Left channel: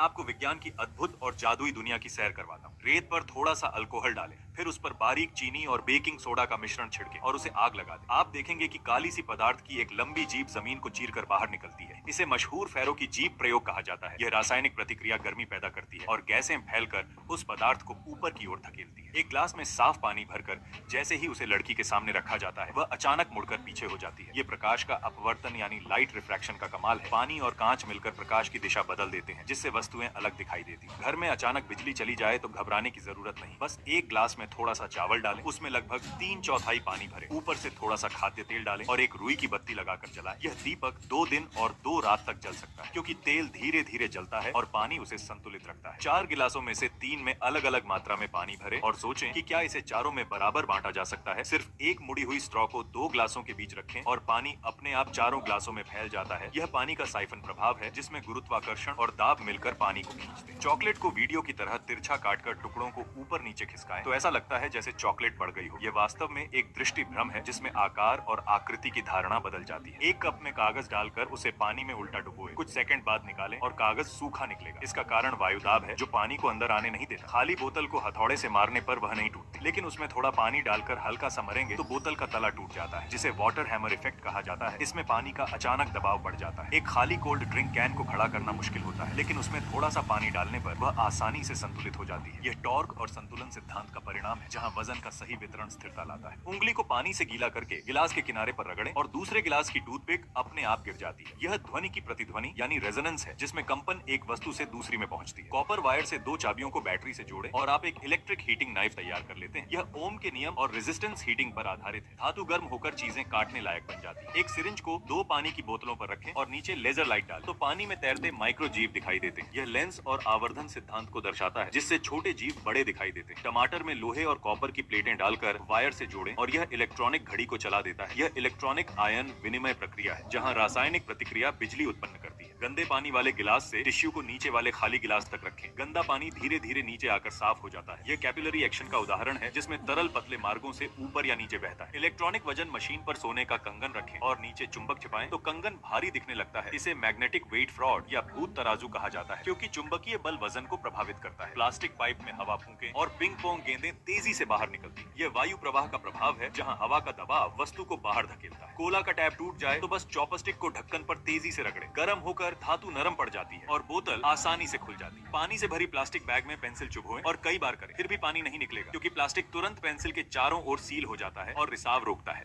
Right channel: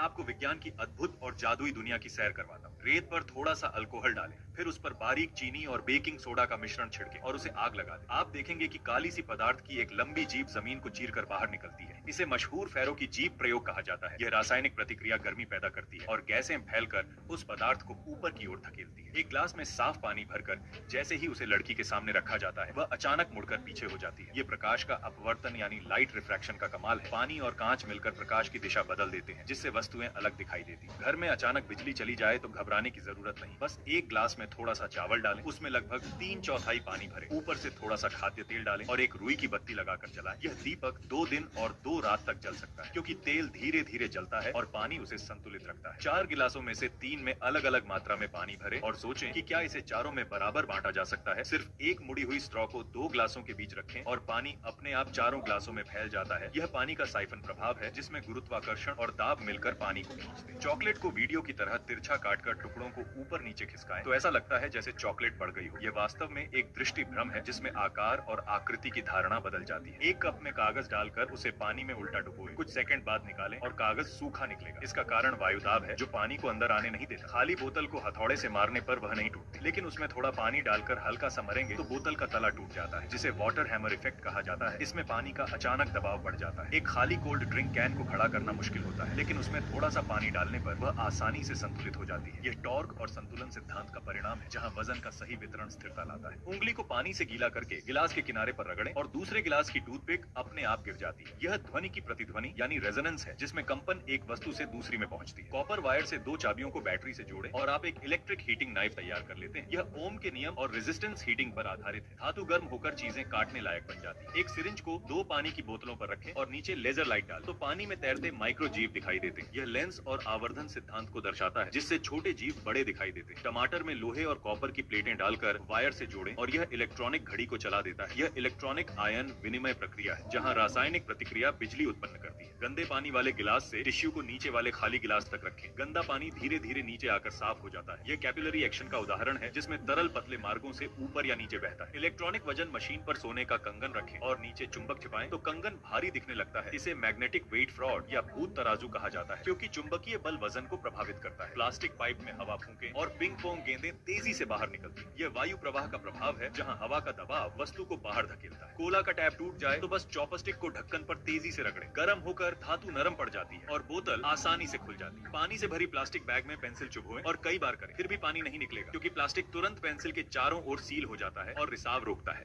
आपको विज्ञान की अद्भुत और जादुई दुनिया की सैर करवाता हूँ। रेत पर थोड़ा सा अल्कोहल डालें, फिर उस पर बारीक चीनी और बेकिंग सोडा का मिश्रण छिड़कें और उसे आग लगा दें। आप देखेंगे कि काली सी पदार्थ की एक लंबी जीप जमीन को चीरकर बाहर निकलती है। इसे मशहूर फेरो की जीप प्रयोग कहा जाता है। यह रासायनिक प्रतिक्रिया गर्मी पैदा करती है और गैसें फैलकर उस पदार्थ को ऊपर की ओर धकेलती है। एक ग्लास में साफ पानी भरकर जैसे ही उसे लड़की के सामने रखा जाता है, वह अचानक मुड़कर पीछे हो जाती है। ये प्रकाश का अपवर्तन यानी लाइट रिफ्रैक्शन का कमाल है। पानी और कांच मिलकर प्रकाश की दिशा बदल देते हैं, जिससे वस्तुएं अलग दिखाई देती हैं। घर में अचानक बिजली चली जाए तो घबराने की जरूरत नहीं। बस एक ग्लास में थोड़ा सा चावल डालें, उसमें लगभग 3/4 पानी भरें, ऊपर से थोड़ा सा खाद्य तेल डालें और एक रुई की बत्ती लगाकर जलाएं। यह दीपक 2 दिन और 2 रात तक जल सकता है, क्योंकि तेल धीरे धीरे जलता है और पानी उसे संतुलित रखता है। 4 गिलासों में से 3 में अलग अलग मात्रा में पानी भरें और सोचें कि क्या इसे चारों में बराबर बांटा जा सकता है। सिर्फ एक मुड़ी हुई स्ट्रॉ को 2 ग्लासों के बीच रखें और पानी अपने आप चारों ग्लासों में फैल जाता है। यह पानी का साइफन प्रभाव है, जिसमें गुरुत्वाकर्षण और दाब मिलकर पानी को खींचते हैं। चॉकलेट को वीडियो की तरह तिरछा काटकर टुकड़ों को ऊपर नीचे खिसकाएं तो ऐसा लगता है जैसे चॉकलेट बढ़ गई हो। यह वास्तव में एक दृष्टि भ्रम है, जिसमें आकार और आकृति की धारणा बदल जाती है। एक कप में कागज डालकर उसे पानी में उल्टा डुबोएं। कुछ सेकंड बाद निकालें और कागज सूखा निकलेगा। इसका कारण वायुदाब है, जो पानी को अंदर आने नहीं देता। खाली बोतल को हथौड़े से मारने पर वह नहीं टूटती, लेकिन उसमें थोड़ा पानी डालकर हल्का सा मरेंगे तो बोतल का तला टूट जाता है, जिसे वाटर हैमर इफेक्ट कहा जाता है। इसमें पानी का अचानक दबाव बढ़ जाता है। एक खाली कोल्ड ड्रिंक कैन को खड़ा करना मुश्किल होता है, लेकिन उसमें थोड़ा सा पानी डालने पर वह आसानी से संतुलित हो जाती है। यह टॉर्क और संतुलन सिद्धांत का परिणाम है, जहां वजन का सही वितरण स्थिरता लाता है। उंगली को पानी से गीला करके गिलास के किनारे पर रगड़ें और दूसरे गिलास की टूथपिक अपने आप गिर जाती है। यह ध्वनि की प्रतिध्वनि यानी रेजोनेंस है, जिसमें कंपन एक वस्तु से दूसरी में पहुंचती है। कॉपर वायर से 2 चाबियों को बैटरी से जोड़ें और आप एक इलेक्ट्रिक हीटिंग नाइफ तैयार कर लेते हैं। यह ओम के नियम और रेजिस्टेंस हीटिंग पर आधारित है। धातु गर्म होकर चीजें काटने लायक बन जाती है। एक सिरिंज को 2 पानी की बोतलों पर रखें और नीचे लेजर लाइट डालें तो पानी में तैरते माइक्रो जीव दिखाई देते हैं। यह लेंस और आवर्धन सिद्धांत को दर्शाता है, जिससे छोटे जीव बड़े दिखाई देते हैं। टमाटर में लोहे और कॉपर की प्लेटें डालकर वायर से जोड़ें और यह इलेक्ट्रॉनिक घड़ी को चला देता है। यह इलेक्ट्रॉनिक आयन विनिमय प्रक्रिया है, जहां रासायनिक प्रतिक्रिया बिजली उत्पन्न करती है। गंदे पानी वाले गिलास से टिश्यू को नीचे वाले खाली गिलास तक रखें। गंदा पानी धीरे धीरे नीचे आकर साफ हो जाता है। यह कैपिलरी एक्शन का उदाहरण है, जिसमें तरल पतले मार्गों से ऊपर या नीचे बहता है। इलेक्ट्रॉनिक वजन मशीन पर सोने का कंगन रखें और नीचे चुंबक छिपाएं तो कंगन भारी दिखने लगता है। इसे मैग्नेटिक वेट फ्रॉड या भूत तराजू कहा जाता है, क्योंकि चुंबकीय बल वजन को प्रभावित करता है। प्लास्टिक पाइप में हवा फूंकें और पिंग पोंग गेंदें तेजी से बाहर निकलती हैं। यह वायु प्रवाह का प्रभाव है, जहां हवा का दबाव वस्तु को बाहर धकेलता है। कोला का टैप टूट जाए तो बस चॉपस्टिक को ढक्कन पर तेजी से रगड़ें। गर्म होकर धातु नरम पड़ जाती है और बोतल आसानी से खुल जाती है। पानी से भरी प्लास्टिक बैग में पेंसिल चुभोएं और कई बार करें, फिर भी पानी नहीं निकलेगा, क्योंकि प्लास्टिक तुरंत पेंसिल के चारों ओर सील हो जाता है और रिसाव रोकता है।